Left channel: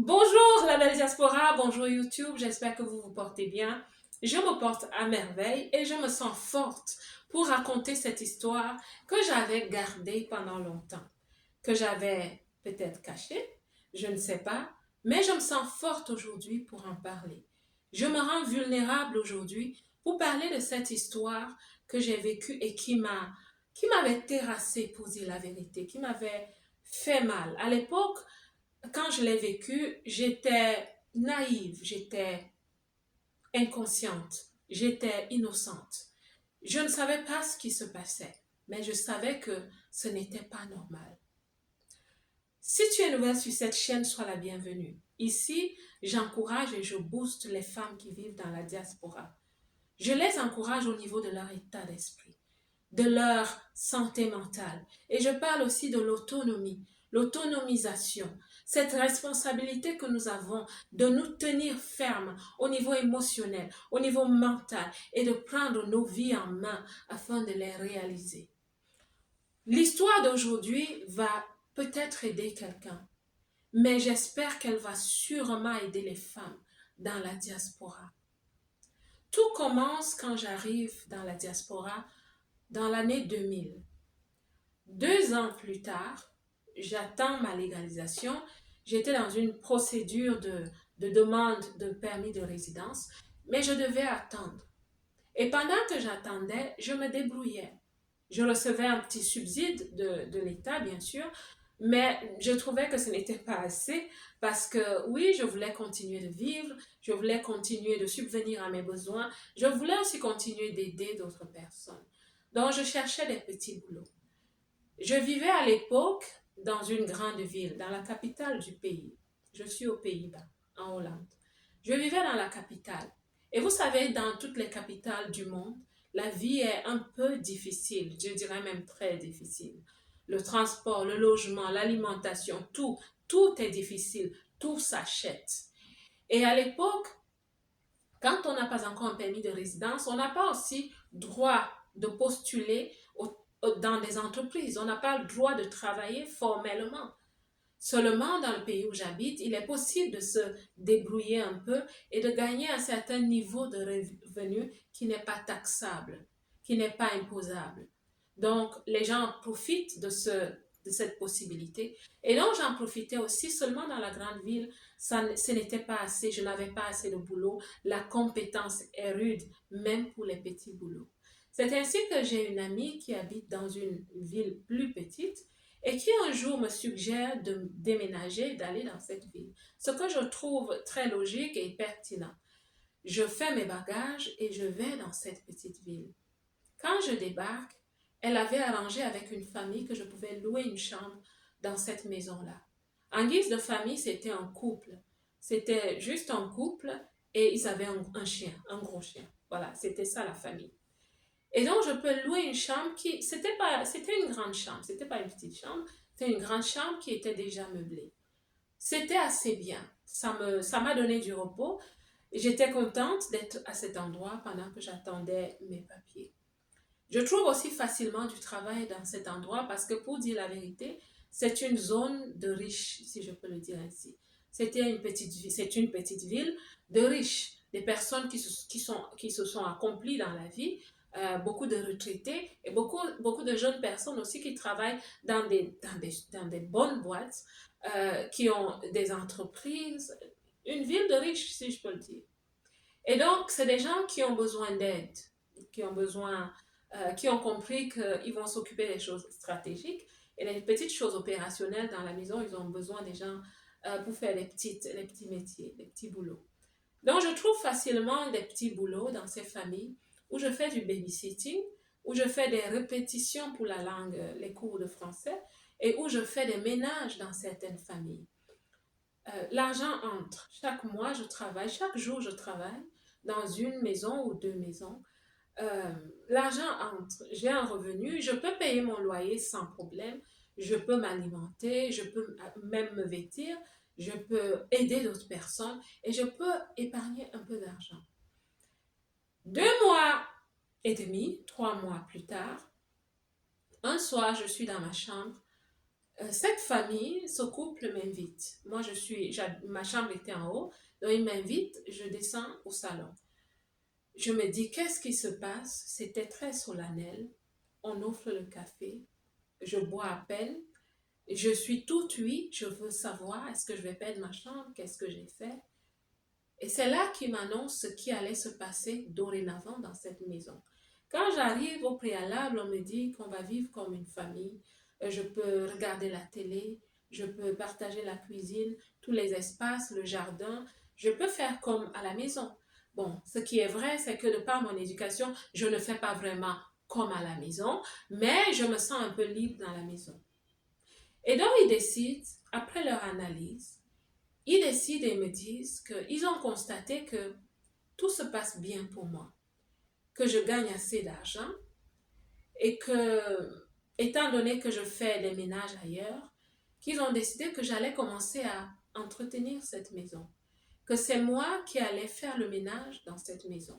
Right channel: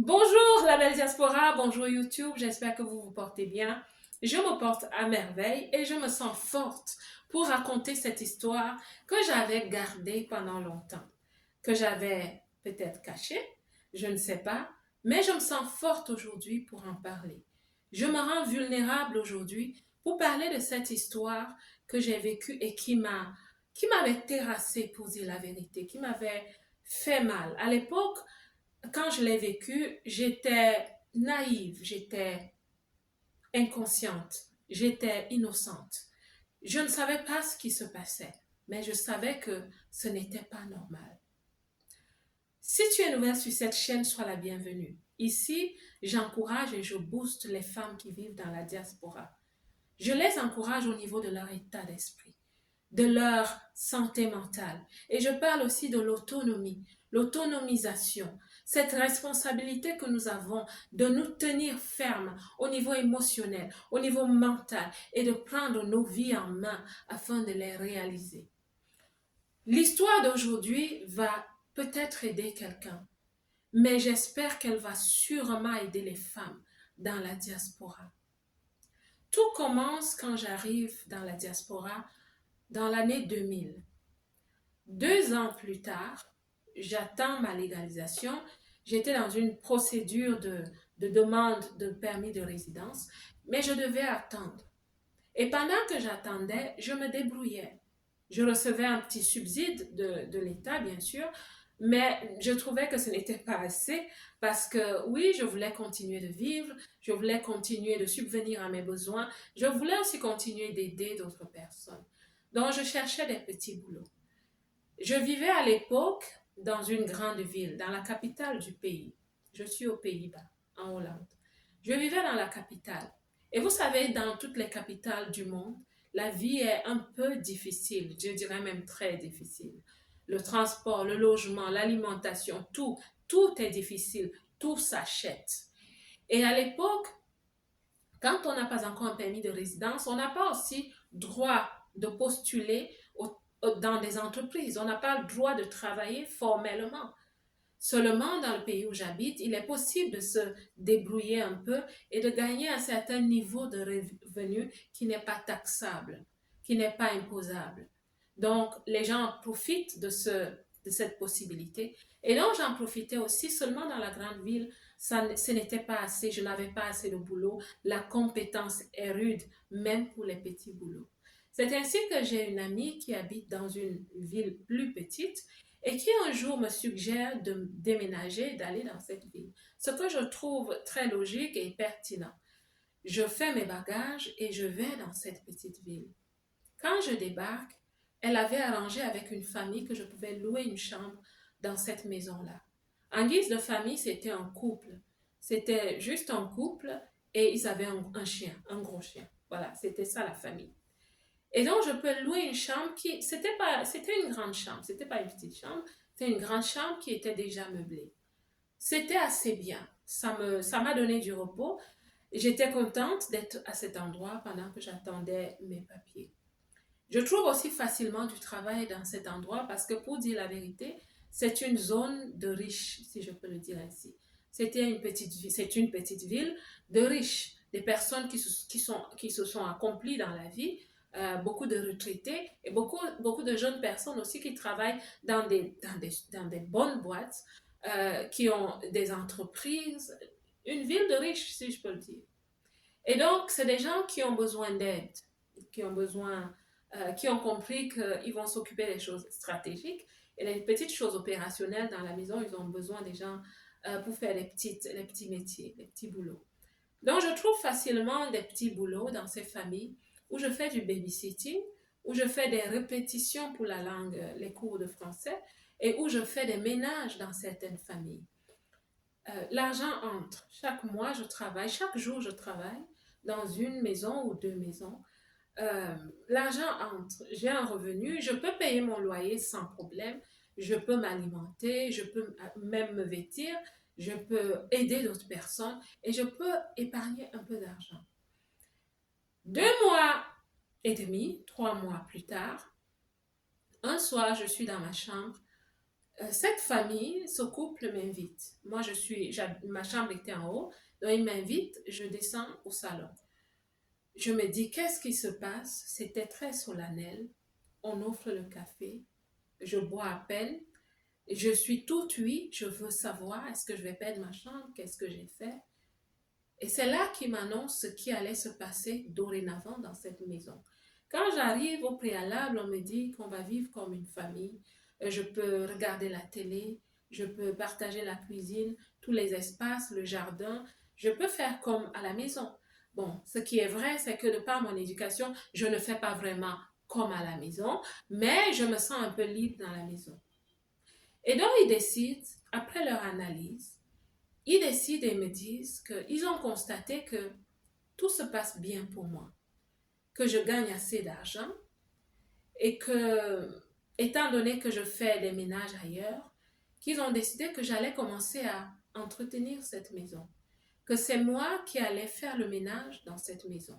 Bonjour la belle diaspora, bonjour YouTube, j'espère que vous vous portez bien. Je me porte à merveille et je me sens forte pour raconter cette histoire que j'avais gardée pendant longtemps, que j'avais peut-être cachée, je ne sais pas, mais je me sens forte aujourd'hui pour en parler. Je me rends vulnérable aujourd'hui pour parler de cette histoire que j'ai vécue et qui m'avait terrassée pour dire la vérité, qui m'avait fait mal. À l'époque, quand je l'ai vécu, j'étais naïve, j'étais inconsciente, j'étais innocente. Je ne savais pas ce qui se passait, mais je savais que ce n'était pas normal. Si tu es nouvelle sur cette chaîne, sois la bienvenue. Ici, j'encourage et je booste les femmes qui vivent dans la diaspora. Je les encourage au niveau de leur état d'esprit, de leur santé mentale. Et je parle aussi de l'autonomie, l'autonomisation, cette responsabilité que nous avons de nous tenir fermes au niveau émotionnel, au niveau mental et de prendre nos vies en main afin de les réaliser. L'histoire d'aujourd'hui va peut-être aider quelqu'un, mais j'espère qu'elle va sûrement aider les femmes dans la diaspora. Tout commence quand j'arrive dans la diaspora dans l'année 2000. 2 ans plus tard, j'attends ma légalisation. J'étais dans une procédure de demande de permis de résidence, mais je devais attendre. Et pendant que j'attendais, je me débrouillais. Je recevais un petit subside de l'État, bien sûr, mais je trouvais que ce n'était pas assez parce que oui, je voulais continuer de vivre, je voulais continuer de subvenir à mes besoins, je voulais aussi continuer d'aider d'autres personnes. Donc, je cherchais des petits boulots. Je vivais à l'époque dans une grande ville, dans la capitale du pays. Je suis aux Pays-Bas, en Hollande. Je vivais dans la capitale. Et vous savez, dans toutes les capitales du monde, la vie est un peu difficile, je dirais même très difficile. Le transport, le logement, l'alimentation, tout est difficile, tout s'achète. Et à l'époque, quand on n'a pas encore un permis de résidence, on n'a pas aussi droit de postuler dans des entreprises. On n'a pas le droit de travailler formellement. Seulement dans le pays où j'habite, il est possible de se débrouiller un peu et de gagner un certain niveau de revenu qui n'est pas taxable, qui n'est pas imposable. Donc, les gens profitent de cette possibilité. Et donc, j'en profitais aussi seulement dans la grande ville. Ce n'était pas assez, je n'avais pas assez de boulot. La compétence est rude, même pour les petits boulots. C'est ainsi que j'ai une amie qui habite dans une ville plus petite et qui un jour me suggère de déménager, d'aller dans cette ville. Ce que je trouve très logique et pertinent. Je fais mes bagages et je vais dans cette petite ville. Quand je débarque, elle avait arrangé avec une famille que je pouvais louer une chambre dans cette maison-là. En guise de famille, c'était un couple. C'était juste un couple et ils avaient un chien, un gros chien. Voilà, c'était ça la famille. Et donc, je peux louer une chambre c'était une grande chambre, c'était pas une petite chambre, c'était une grande chambre qui était déjà meublée. C'était assez bien. Ça m'a donné du repos. J'étais contente d'être à cet endroit pendant que j'attendais mes papiers. Je trouve aussi facilement du travail dans cet endroit parce que pour dire la vérité, c'est une zone de riches, si je peux le dire ainsi. C'est une petite ville de riches, des personnes qui se sont accomplies dans la vie, beaucoup de retraités et beaucoup de jeunes personnes aussi qui travaillent dans des bonnes boîtes, qui ont des entreprises, une ville de riches, si je peux le dire. Et donc, c'est des gens qui ont besoin d'aide, qui ont besoin, qui ont compris qu'ils vont s'occuper des choses stratégiques et les petites choses opérationnelles dans la maison, ils ont besoin des gens pour faire les petits métiers, les petits boulots. Donc, je trouve facilement des petits boulots dans ces familles où je fais du babysitting, où je fais des répétitions pour la langue, les cours de français, et où je fais des ménages dans certaines familles. L'argent entre. Chaque mois, je travaille, chaque jour, je travaille dans une maison ou 2 maisons. L'argent entre. J'ai un revenu, je peux payer mon loyer sans problème, je peux m'alimenter, je peux même me vêtir, je peux aider d'autres personnes et je peux épargner un peu d'argent. 2 mois et demi, 3 mois plus tard, un soir, je suis dans ma chambre. Cette famille, ce couple m'invite. Moi, ma chambre était en haut, donc il m'invite, je descends au salon. Je me dis, qu'est-ce qui se passe? C'était très solennel. On offre le café, je bois à peine. Je suis toute oui, je veux savoir, est-ce que je vais perdre ma chambre? Qu'est-ce que j'ai fait? Et c'est là qu'il m'annonce ce qui allait se passer dorénavant dans cette maison. Quand j'arrive au préalable, on me dit qu'on va vivre comme une famille. Je peux regarder la télé, je peux partager la cuisine, tous les espaces, le jardin. Je peux faire comme à la maison. Bon, ce qui est vrai, c'est que de par mon éducation, je ne fais pas vraiment comme à la maison, mais je me sens un peu libre dans la maison. Et donc, ils décident, après leur analyse, ils décident et me disent qu'ils ont constaté que tout se passe bien pour moi, que je gagne assez d'argent et que, étant donné que je fais des ménages ailleurs, qu'ils ont décidé que j'allais commencer à entretenir cette maison, que c'est moi qui allais faire le ménage dans cette maison.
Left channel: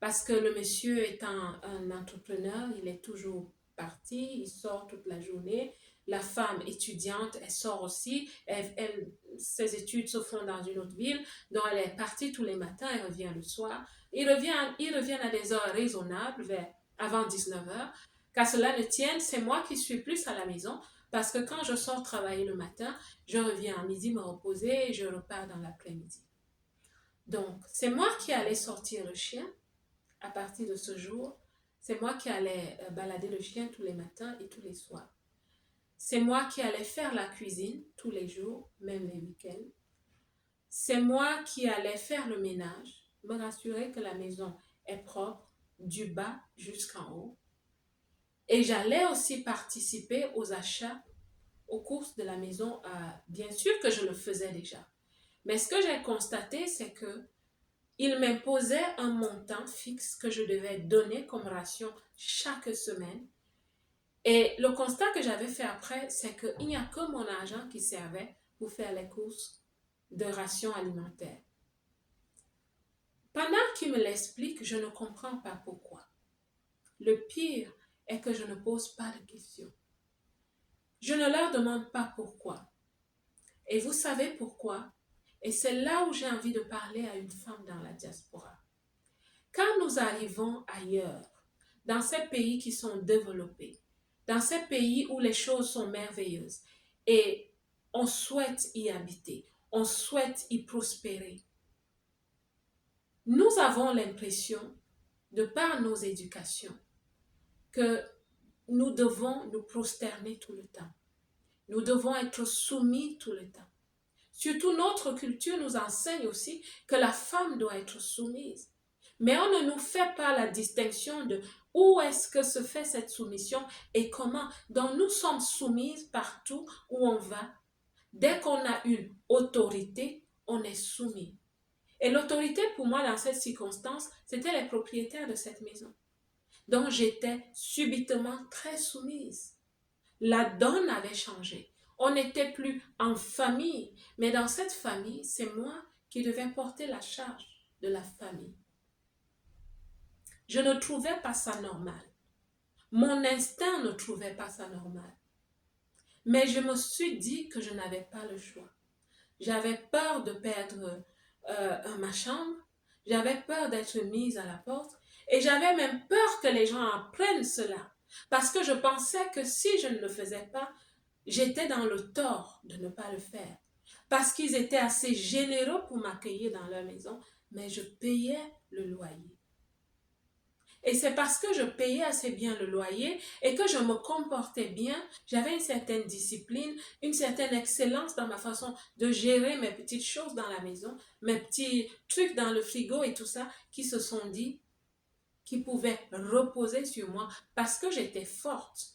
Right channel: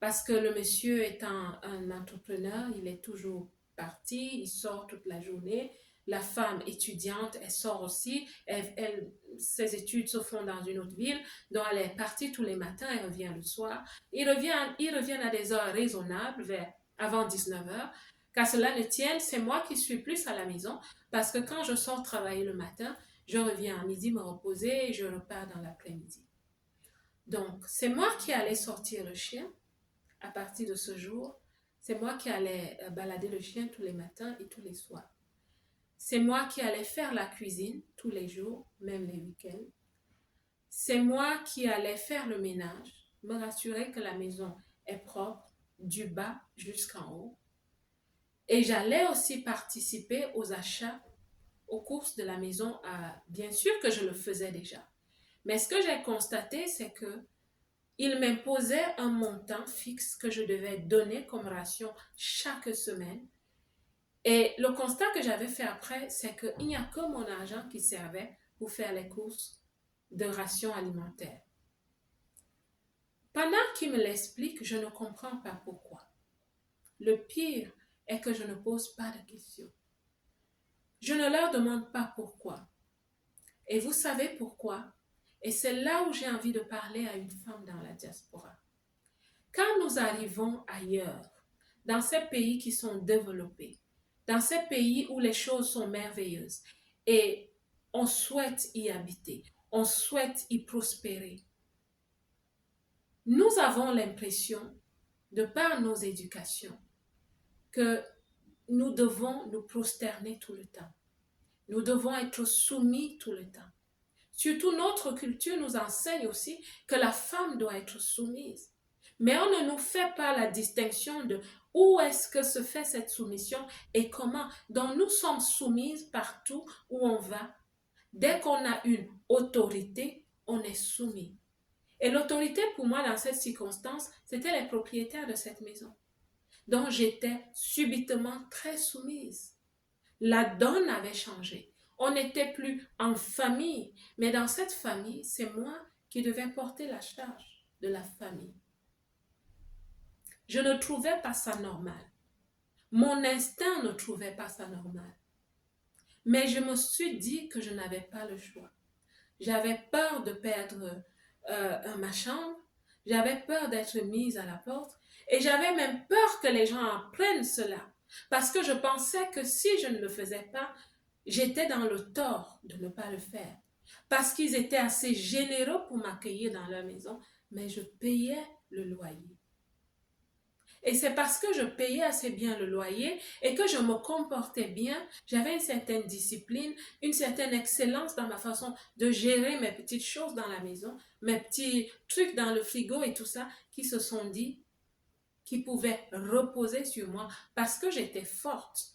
Parce que le monsieur étant un entrepreneur, il est toujours parti, il sort toute la journée. La femme étudiante, elle sort aussi, ses études se font dans une autre ville, donc elle est partie tous les matins et revient le soir. Ils reviennent à des heures raisonnables, vers avant 19 heures. Qu'à cela ne tienne, c'est moi qui suis plus à la maison, parce que quand je sors travailler le matin, je reviens à midi me reposer et je repars dans l'après-midi. Donc, c'est moi qui allais sortir le chien à partir de ce jour. C'est moi qui allais balader le chien tous les matins et tous les soirs. C'est moi qui allais faire la cuisine tous les jours, même les week-ends. C'est moi qui allais faire le ménage, me rassurer que la maison est propre du bas jusqu'en haut. Et j'allais aussi participer aux achats, aux courses de la maison. Bien sûr que je le faisais déjà. Mais ce que j'ai constaté, c'est que il m'imposait un montant fixe que je devais donner comme ration chaque semaine. Et le constat que j'avais fait après, c'est qu'il n'y a que mon argent qui servait pour faire les courses de rations alimentaires. Pendant qu'il me l'explique, je ne comprends pas pourquoi. Le pire est que je ne pose pas de questions. Je ne leur demande pas pourquoi. Et vous savez pourquoi? Et c'est là où j'ai envie de parler à une femme dans la diaspora. Quand nous arrivons ailleurs, dans ces pays qui sont développés, dans ces pays où les choses sont merveilleuses et on souhaite y habiter, on souhaite y prospérer, nous avons l'impression, de par nos éducations, que nous devons nous prosterner tout le temps. Nous devons être soumis tout le temps. Surtout notre culture nous enseigne aussi que la femme doit être soumise. Mais on ne nous fait pas la distinction de où est-ce que se fait cette soumission et comment. Donc nous sommes soumises partout où on va. Dès qu'on a une autorité, on est soumis. Et l'autorité pour moi dans cette circonstance, c'était les propriétaires de cette maison. Donc j'étais subitement très soumise. La donne avait changé. On n'était plus en famille, mais dans cette famille, c'est moi qui devais porter la charge de la famille. Je ne trouvais pas ça normal. Mon instinct ne trouvait pas ça normal. Mais je me suis dit que je n'avais pas le choix. J'avais peur de perdre ma chambre, j'avais peur d'être mise à la porte et j'avais même peur que les gens apprennent cela. Parce que je pensais que si je ne le faisais pas, j'étais dans le tort de ne pas le faire. Parce qu'ils étaient assez généreux pour m'accueillir dans leur maison, mais je payais le loyer. Et c'est parce que je payais assez bien le loyer et que je me comportais bien, j'avais une certaine discipline, une certaine excellence dans ma façon de gérer mes petites choses dans la maison, mes petits trucs dans le frigo et tout ça, qui se sont dit qu'ils pouvaient reposer sur moi parce que j'étais forte.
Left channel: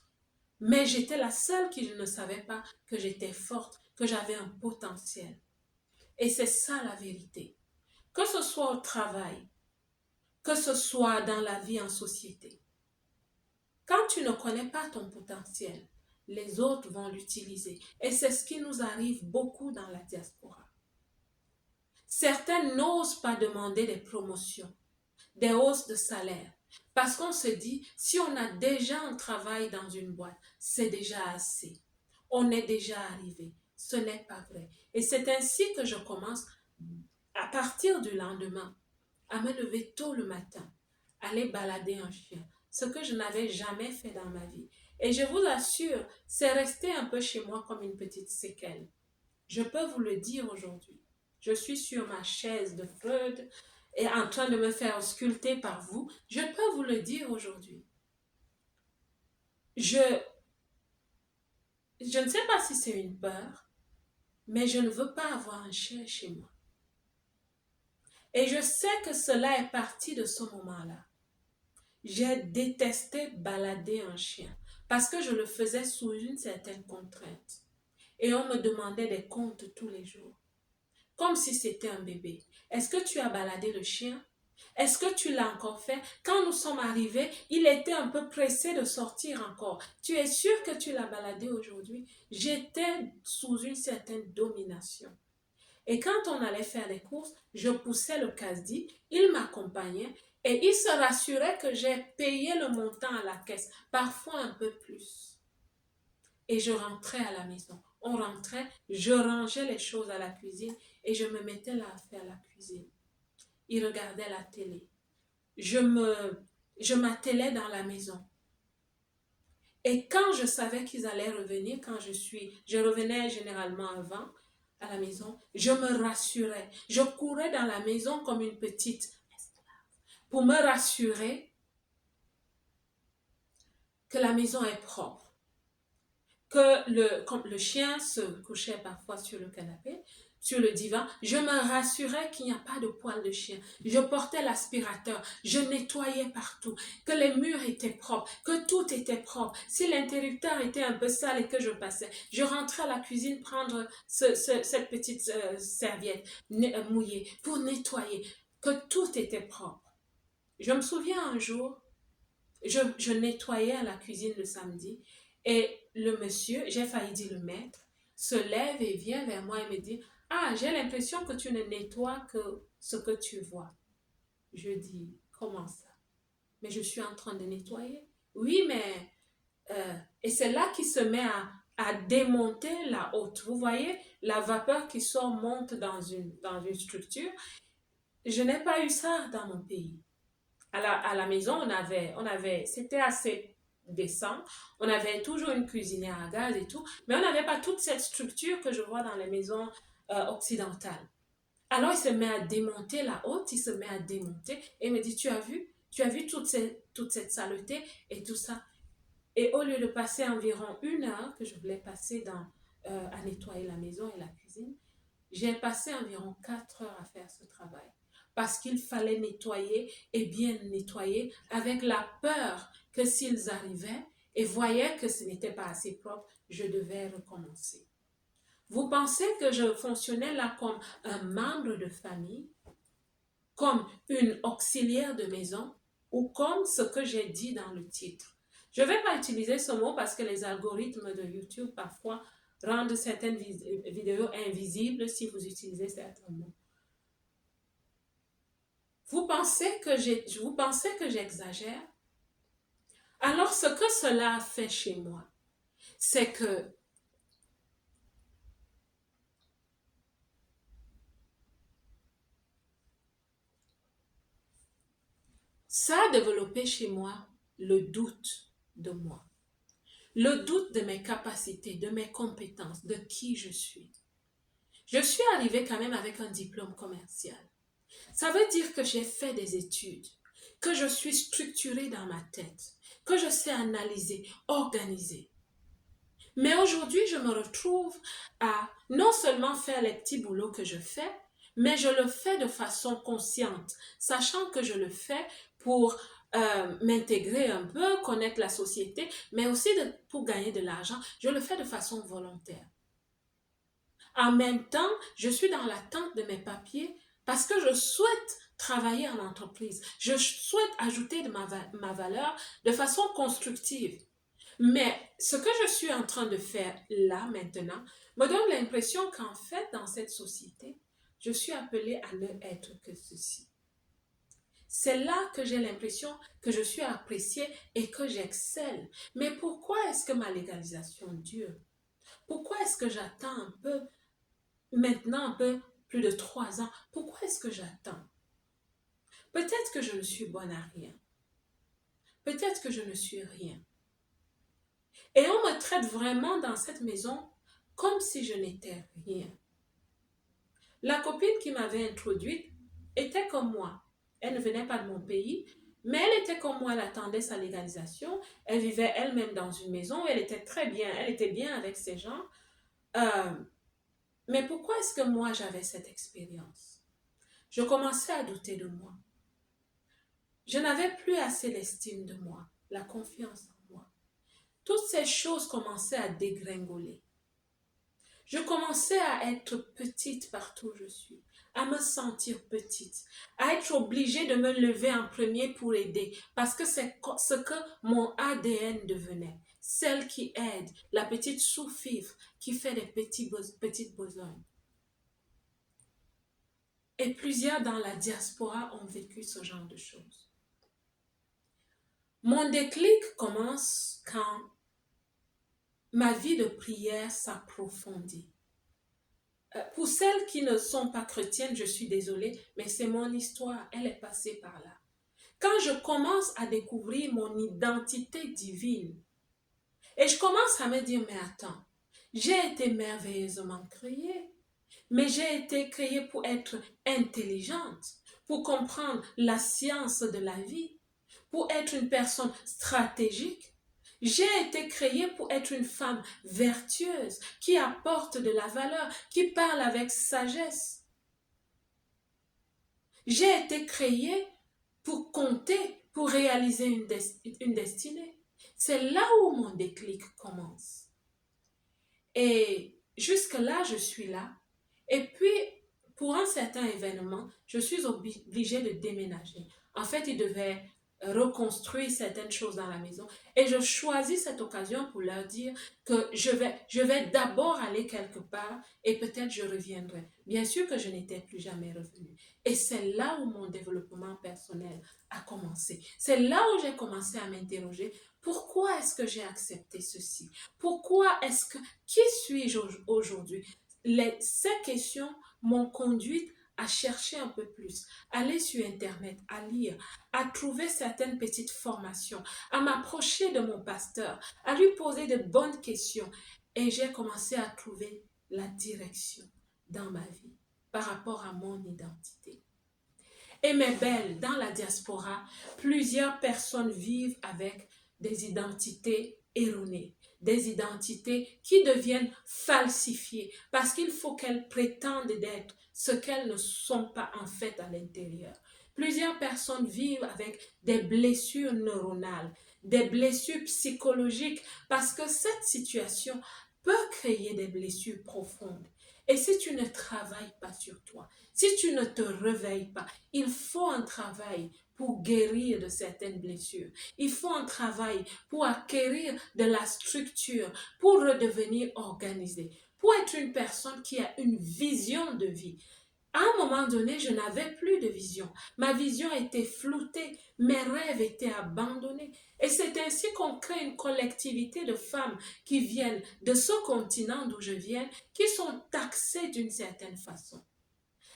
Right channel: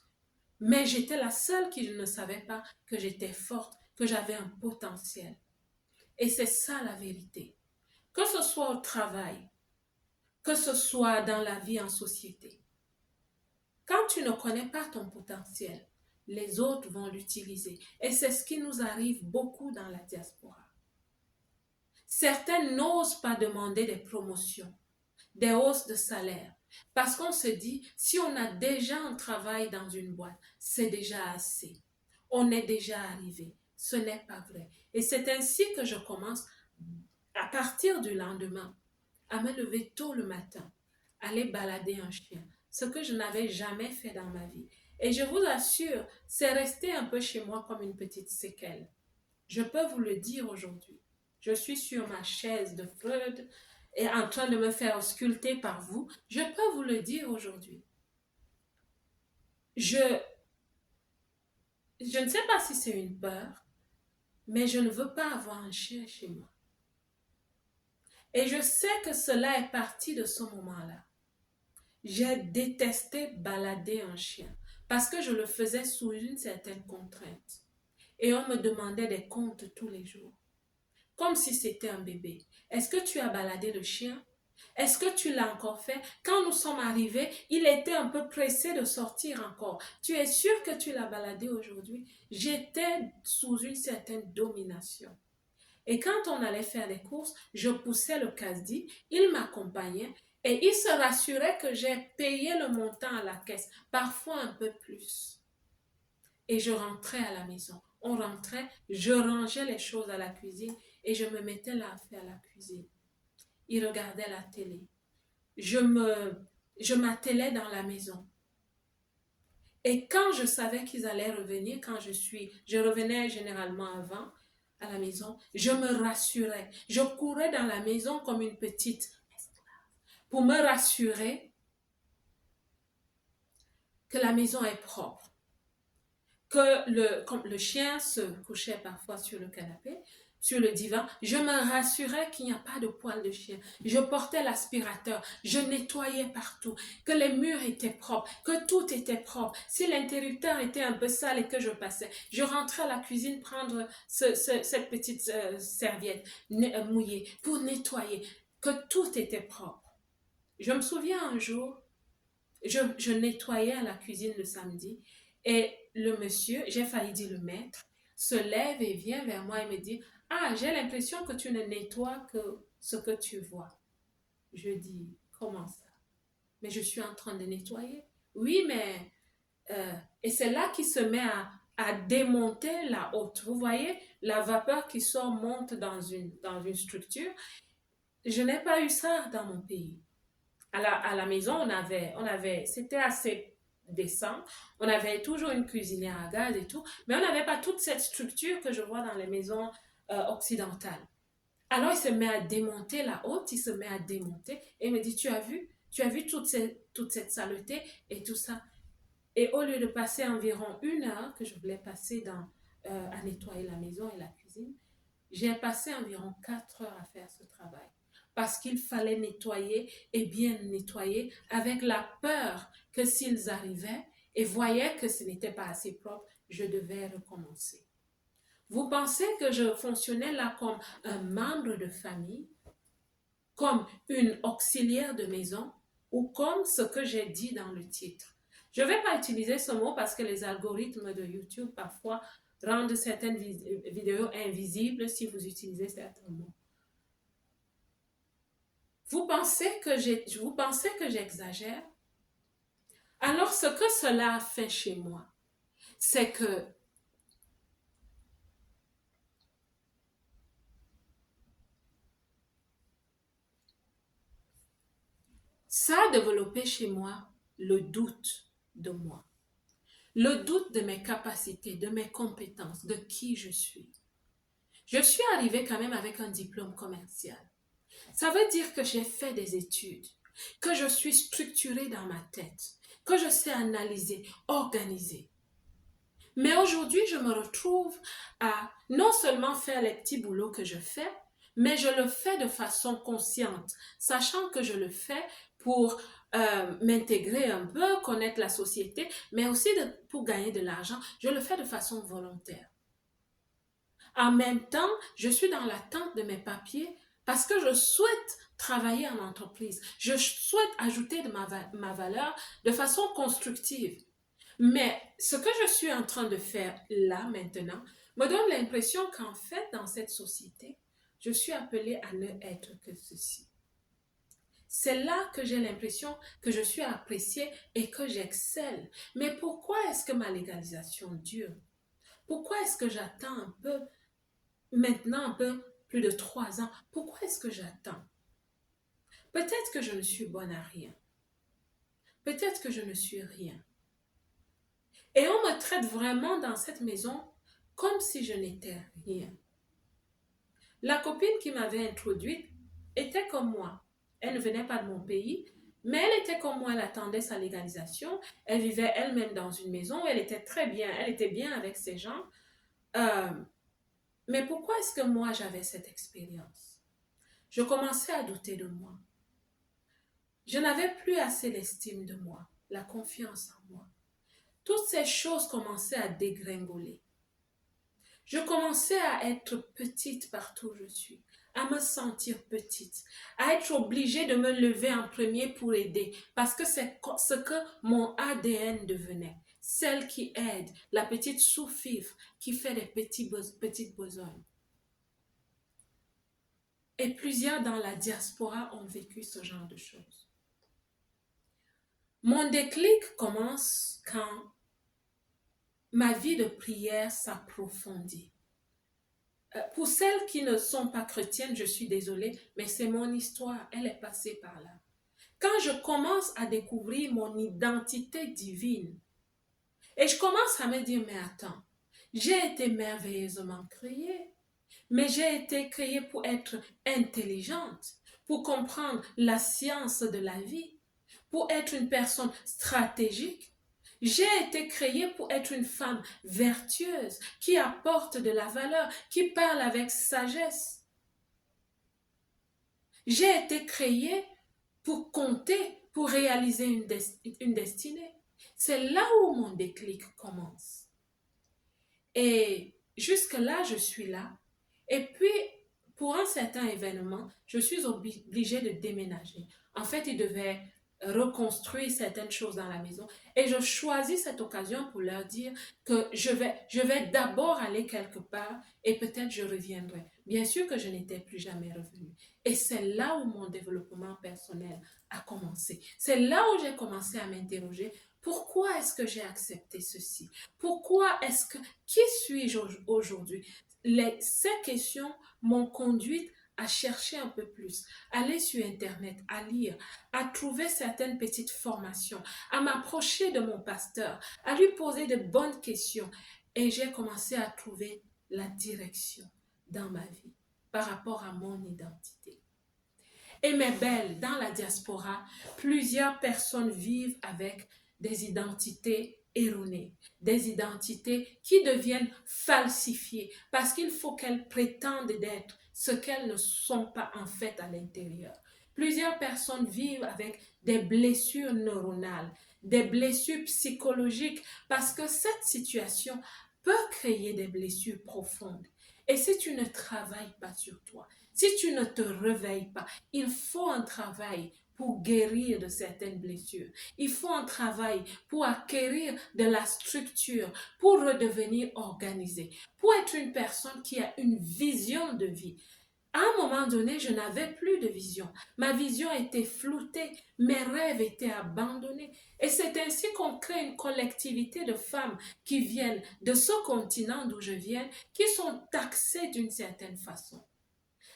Mais j'étais la seule qui ne savait pas que j'étais forte, que j'avais un potentiel. Et c'est ça la vérité. Que ce soit au travail, que ce soit dans la vie en société. Quand tu ne connais pas ton potentiel, les autres vont l'utiliser. Et c'est ce qui nous arrive beaucoup dans la diaspora. Certains n'osent pas demander des promotions, des hausses de salaire, parce qu'on se dit, si on a déjà un travail dans une boîte, c'est déjà assez. on est déjà arrivé. Ce n'est pas vrai. Et c'est ainsi que je commence, à partir du lendemain, à me lever tôt le matin, aller balader un chien, ce que je n'avais jamais fait dans ma vie. Et je vous assure, c'est resté un peu chez moi comme une petite séquelle. Je peux vous le dire aujourd'hui. Je suis sur ma chaise de Freud et en train de me faire sculpter par vous. Je peux vous le dire aujourd'hui. Je, je ne sais pas si c'est une peur, mais je ne veux pas avoir un chien chez moi. Et je sais que cela est parti de ce moment-là. J'ai détesté balader un chien parce que je le faisais sous une certaine contrainte. Et on me demandait des comptes tous les jours, comme si c'était un bébé. Est-ce que tu as baladé le chien? Est-ce que tu l'as encore fait? Quand nous sommes arrivés, il était un peu pressé de sortir encore. Tu es sûr que tu l'as baladé aujourd'hui? J'étais sous une certaine domination. Et quand on allait faire les courses, je poussais le casse-dit, il m'accompagnait et il se rassurait que j'ai payé le montant à la caisse, parfois un peu plus. Et je rentrais à la maison. On rentrait, je rangeais les choses à la cuisine et je me mettais là à faire la cuisine. Il regardait la télé. Je m'attelais dans la maison. Et quand je savais qu'ils allaient revenir, je revenais généralement avant à la maison, je me rassurais. Je courais dans la maison comme une petite pour me rassurer que la maison est propre, que comme le chien se couchait parfois sur le canapé, sur le divan, je me rassurais qu'il n'y a pas de poil de chien. Je portais l'aspirateur, je nettoyais partout, que les murs étaient propres, que tout était propre. Si l'interrupteur était un peu sale et que je passais, je rentrais à la cuisine prendre cette petite serviette mouillée pour nettoyer, que tout était propre. Je me souviens un jour, je nettoyais à la cuisine le samedi et le monsieur, j'ai failli dire le maître, se lève et vient vers moi et me dit: Ah, j'ai l'impression que tu ne nettoies que ce que tu vois. Je dis: Comment ça? Mais je suis en train de nettoyer. Oui, mais. Et c'est là qu'il se met à démonter la haute. Vous voyez, la vapeur qui sort monte dans une structure. Je n'ai pas eu ça dans mon pays. À la maison, c'était assez décent. On avait toujours une cuisinière à gaz et tout, mais on n'avait pas toute cette structure que je vois dans les maisons occidentales. Alors il se met à démonter la haute, il se met à démonter et me dit: tu as vu toute cette saleté et tout ça. Et au lieu de passer environ 1 heure que je voulais passer à nettoyer la maison et la cuisine, j'ai passé environ 4 heures à faire ce travail parce qu'il fallait nettoyer et bien nettoyer avec la peur que s'ils arrivaient et voyaient que ce n'était pas assez propre, je devais recommencer. Vous pensez que je fonctionnais là comme un membre de famille, comme une auxiliaire de maison ou comme ce que j'ai dit dans le titre? Je ne vais pas utiliser ce mot parce que les algorithmes de YouTube parfois rendent certaines vidéos invisibles si vous utilisez certains mots. Vous pensez que j'exagère? Alors ce que cela a fait chez moi, c'est que ça a développé chez moi le doute de moi, le doute de mes capacités, de mes compétences, de qui je suis. Je suis arrivée quand même avec un diplôme commercial. Ça veut dire que j'ai fait des études, que je suis structurée dans ma tête, que je sais analyser, organiser. Mais aujourd'hui, je me retrouve à non seulement faire les petits boulots que je fais, mais je le fais de façon consciente, sachant que je le fais pour m'intégrer un peu, connaître la société, mais aussi pour gagner de l'argent. Je le fais de façon volontaire. En même temps, je suis dans l'attente de mes papiers parce que je souhaite travailler en entreprise. Je souhaite ajouter de ma valeur de façon constructive. Mais ce que je suis en train de faire là maintenant me donne l'impression qu'en fait, dans cette société, je suis appelée à ne être que ceci. C'est là que j'ai l'impression que je suis appréciée et que j'excelle. Mais pourquoi est-ce que ma légalisation dure? Pourquoi est-ce que j'attends un peu, maintenant un peu plus de 3 ans? Pourquoi est-ce que j'attends? Peut-être que je ne suis bonne à rien. Peut-être que je ne suis rien. Et on me traite vraiment dans cette maison comme si je n'étais rien. La copine qui m'avait introduite était comme moi. Elle ne venait pas de mon pays, mais elle était comme moi, elle attendait sa légalisation. Elle vivait elle-même dans une maison, elle était très bien, elle était bien avec ses gens. Euh, mais pourquoi est-ce que moi j'avais cette expérience? Je commençais à douter de moi. Je n'avais plus assez l'estime de moi, la confiance en moi. Toutes ces choses commençaient à dégringoler. Je commençais à être petite partout où je suis, à me sentir petite, à être obligée de me lever en premier pour aider, parce que c'est ce que mon ADN devenait. Celle qui aide, la petite sous-fifre qui fait des petites besognes. Et plusieurs dans la diaspora ont vécu ce genre de choses. Mon déclic commence quand ma vie de prière s'approfondit. Pour celles qui ne sont pas chrétiennes, je suis désolée, mais c'est mon histoire, elle est passée par là. Quand je commence à découvrir mon identité divine, et je commence à me dire, mais attends, j'ai été merveilleusement créée, mais j'ai été créée pour être intelligente, pour comprendre la science de la vie, pour être une personne stratégique. J'ai été créée pour être une femme vertueuse, qui apporte de la valeur, qui parle avec sagesse. J'ai été créée pour compter, pour réaliser une destinée. C'est là où mon déclic commence. Et jusque-là, je suis là. Et puis, pour un certain événement, je suis obligée de déménager. En fait, il devait reconstruire certaines choses dans la maison. Et je choisis cette occasion pour leur dire que je vais d'abord aller quelque part et peut-être je reviendrai. Bien sûr que je n'étais plus jamais revenue. Et c'est là où mon développement personnel a commencé. C'est là où j'ai commencé à m'interroger. Pourquoi est-ce que j'ai accepté ceci? Pourquoi est-ce que... Qui suis-je aujourd'hui? Ces questions m'ont conduite à chercher un peu plus, à aller sur Internet, à lire, à trouver certaines petites formations, à m'approcher de mon pasteur, à lui poser de bonnes questions. Et j'ai commencé à trouver la direction dans ma vie par rapport à mon identité. Et mes belles, dans la diaspora, plusieurs personnes vivent avec des identités erronées, des identités qui deviennent falsifiées parce qu'il faut qu'elles prétendent d'être ce qu'elles ne sont pas en fait à l'intérieur. Plusieurs personnes vivent avec des blessures neuronales, des blessures psychologiques parce que cette situation peut créer des blessures profondes. Et si tu ne travailles pas sur toi, si tu ne te réveilles pas, il faut un travail pour guérir de certaines blessures. Il faut un travail pour acquérir de la structure, pour redevenir organisé, pour être une personne qui a une vision de vie. À un moment donné, je n'avais plus de vision. Ma vision était floutée, mes rêves étaient abandonnés. Et c'est ainsi qu'on crée une collectivité de femmes qui viennent de ce continent d'où je viens, qui sont taxées d'une certaine façon.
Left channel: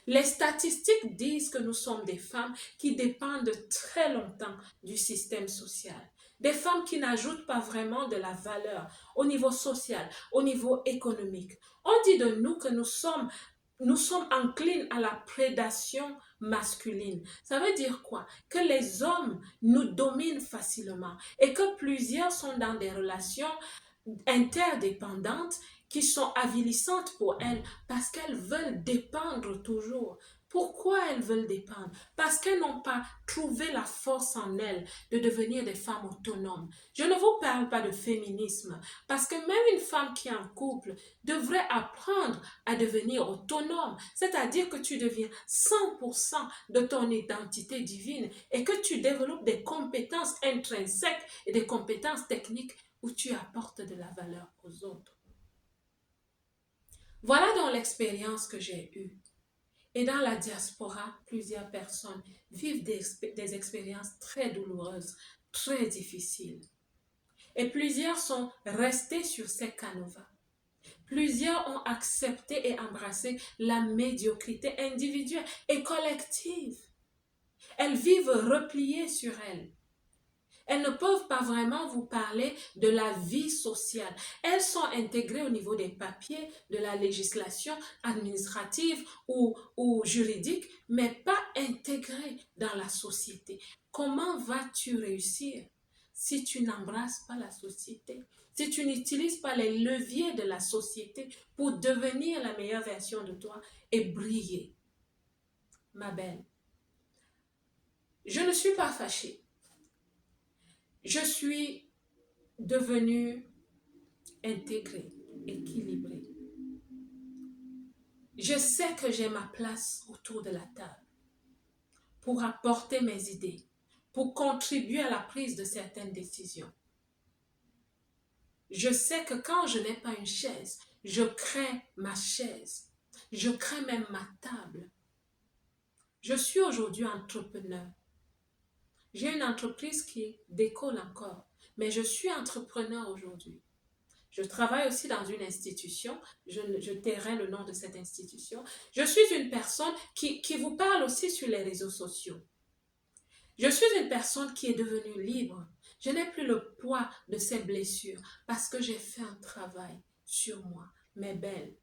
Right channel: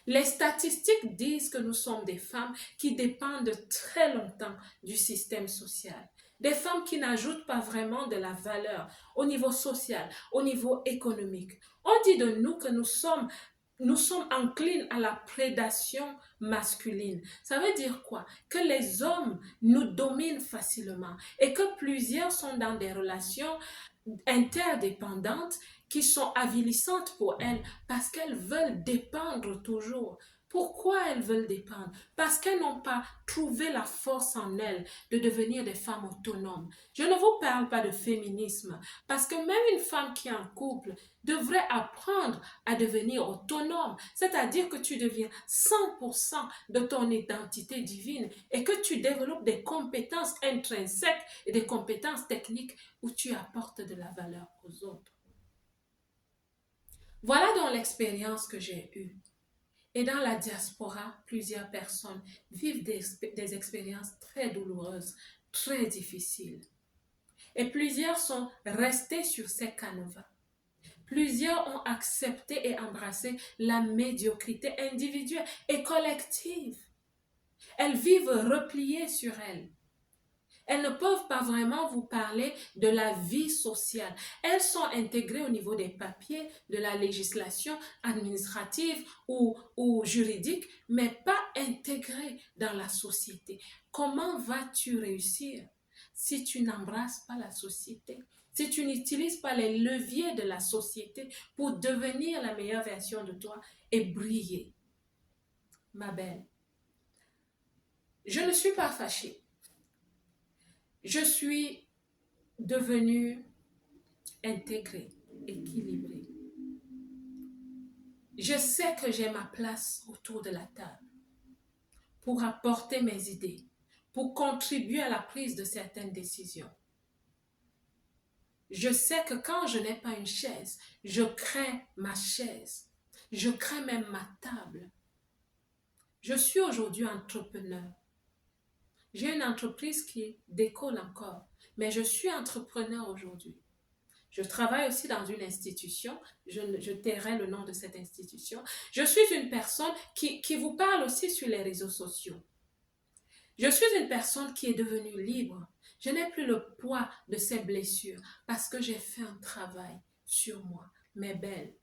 Les statistiques disent que nous sommes des femmes qui dépendent très longtemps du système social. Des femmes qui n'ajoutent pas vraiment de la valeur au niveau social, au niveau économique. On dit de nous que nous sommes enclines à la prédation masculine. Ça veut dire quoi? Que les hommes nous dominent facilement et que plusieurs sont dans des relations interdépendantes qui sont avilissantes pour elles parce qu'elles veulent dépendre toujours. Pourquoi elles veulent dépendre? Parce qu'elles n'ont pas trouvé la force en elles de devenir des femmes autonomes. Je ne vous parle pas de féminisme parce que même une femme qui est en couple devrait apprendre à devenir autonome, c'est-à-dire que tu deviens 100% de ton identité divine et que tu développes des compétences intrinsèques et des compétences techniques où tu apportes de la valeur aux autres. Voilà donc l'expérience que j'ai eue. Et dans la diaspora, plusieurs personnes vivent des expériences très douloureuses, très difficiles. Et plusieurs sont restés sur ces canevas. Plusieurs ont accepté et embrassé la médiocrité individuelle et collective. Elles vivent repliées sur elles. Elles ne peuvent pas vraiment vous parler de la vie sociale. Elles sont intégrées au niveau des papiers, de la législation administrative ou juridique, mais pas intégrées dans la société. Comment vas-tu réussir si tu n'embrasses pas la société? Si tu n'utilises pas les leviers de la société pour devenir la meilleure version de toi et briller? Ma belle, je ne suis pas fâchée. Je suis devenue intégrée, équilibrée. Je sais que j'ai ma place autour de la table pour apporter mes idées, pour contribuer à la prise de certaines décisions. Je sais que quand je n'ai pas une chaise, je crée ma chaise. Je crée même ma table. Je suis aujourd'hui entrepreneur. J'ai une entreprise qui décolle encore, mais je suis entrepreneur aujourd'hui. Je travaille aussi dans une institution, je tairai le nom de cette institution. Je suis une personne qui vous parle aussi sur les réseaux sociaux. Je suis une personne qui est devenue libre. Je n'ai plus le poids de ces blessures parce que j'ai fait un travail sur moi. Mes belles,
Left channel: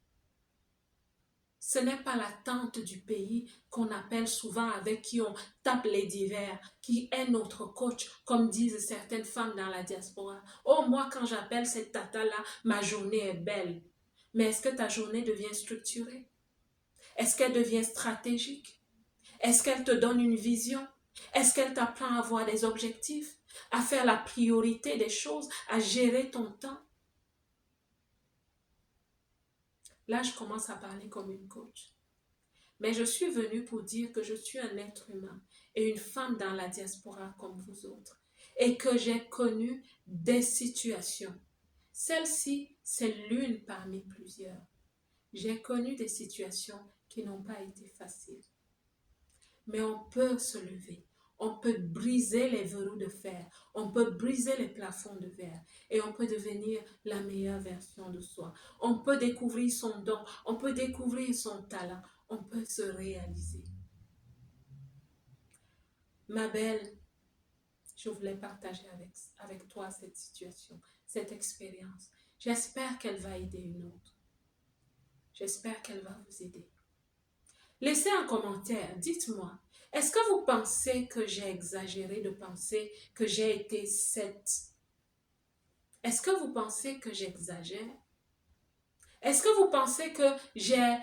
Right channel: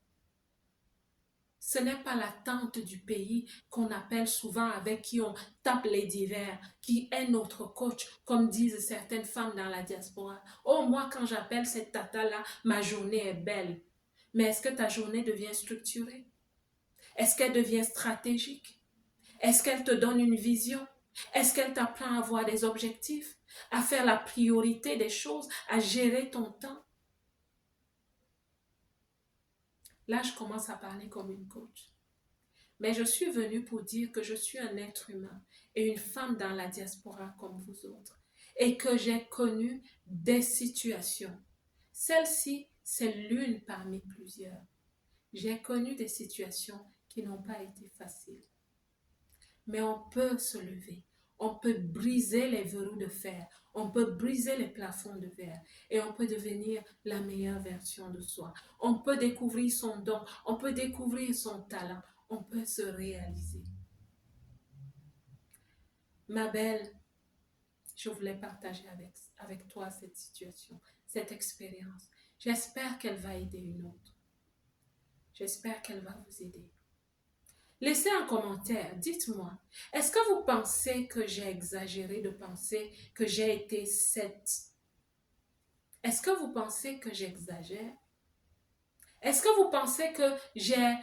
ce n'est pas l'attente du pays qu'on appelle souvent avec qui on tape les divers, qui est notre coach, comme disent certaines femmes dans la diaspora. Oh, moi, quand j'appelle cette tata-là, ma journée est belle. Mais est-ce que ta journée devient structurée? Est-ce qu'elle devient stratégique? Est-ce qu'elle te donne une vision? Est-ce qu'elle t'apprend à avoir des objectifs, à faire la priorité des choses, à gérer ton temps? Là, je commence à parler comme une coach. Mais je suis venue pour dire que je suis un être humain et une femme dans la diaspora comme vous autres. Et que j'ai connu des situations. Celle-ci, c'est l'une parmi plusieurs. J'ai connu des situations qui n'ont pas été faciles. Mais on peut se lever. On peut briser les verrous de fer. On peut briser les plafonds de verre. Et on peut devenir la meilleure version de soi. On peut découvrir son don. On peut découvrir son talent. On peut se réaliser. Ma belle, je voulais partager avec toi cette situation, cette expérience. J'espère qu'elle va aider une autre. J'espère qu'elle va vous aider. Laissez un commentaire, dites-moi, est-ce que vous pensez que j'ai exagéré de penser que j'ai été cette? Est-ce que vous pensez que j'exagère? Est-ce que vous pensez que j'ai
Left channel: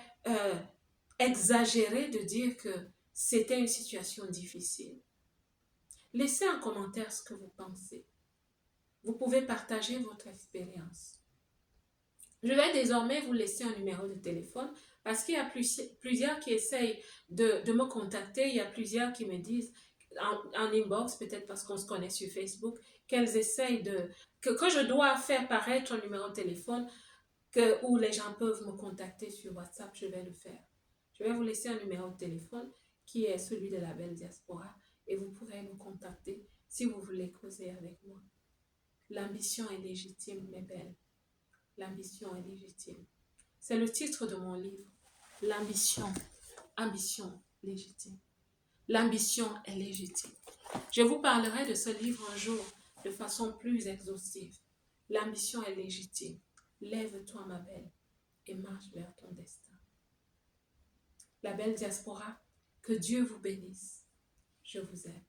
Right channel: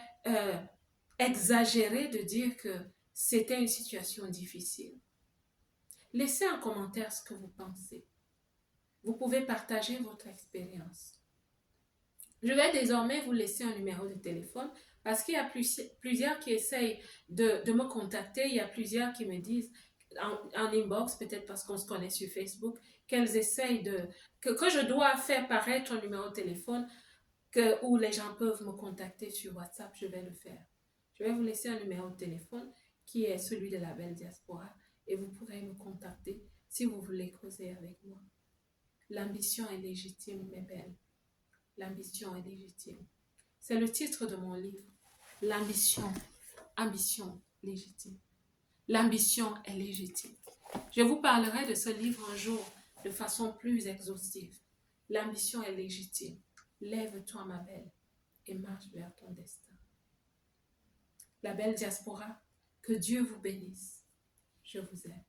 exagéré de dire que c'était une situation difficile? Laissez en commentaire ce que vous pensez. Vous pouvez partager votre expérience. Je vais désormais vous laisser un numéro de téléphone parce qu'il y a plusieurs qui essayent de me contacter. Il y a plusieurs qui me disent en inbox, peut-être parce qu'on se connaît sur Facebook, qu'elles essayent que je dois faire paraître un numéro de téléphone où les gens peuvent me contacter sur WhatsApp. Je vais le faire. Je vais vous laisser un numéro de téléphone qui est celui de la Belle Diaspora et vous pourrez me contacter si vous voulez causer avec moi. L'ambition est légitime, mes belles. L'ambition est légitime. C'est le titre de mon livre. L'ambition, ambition légitime. L'ambition est légitime. Je vous parlerai de ce livre un jour de façon plus exhaustive. L'ambition est légitime. Lève-toi, ma belle, et marche vers ton destin. La Belle Diaspora, que Dieu vous bénisse. Je vous aime.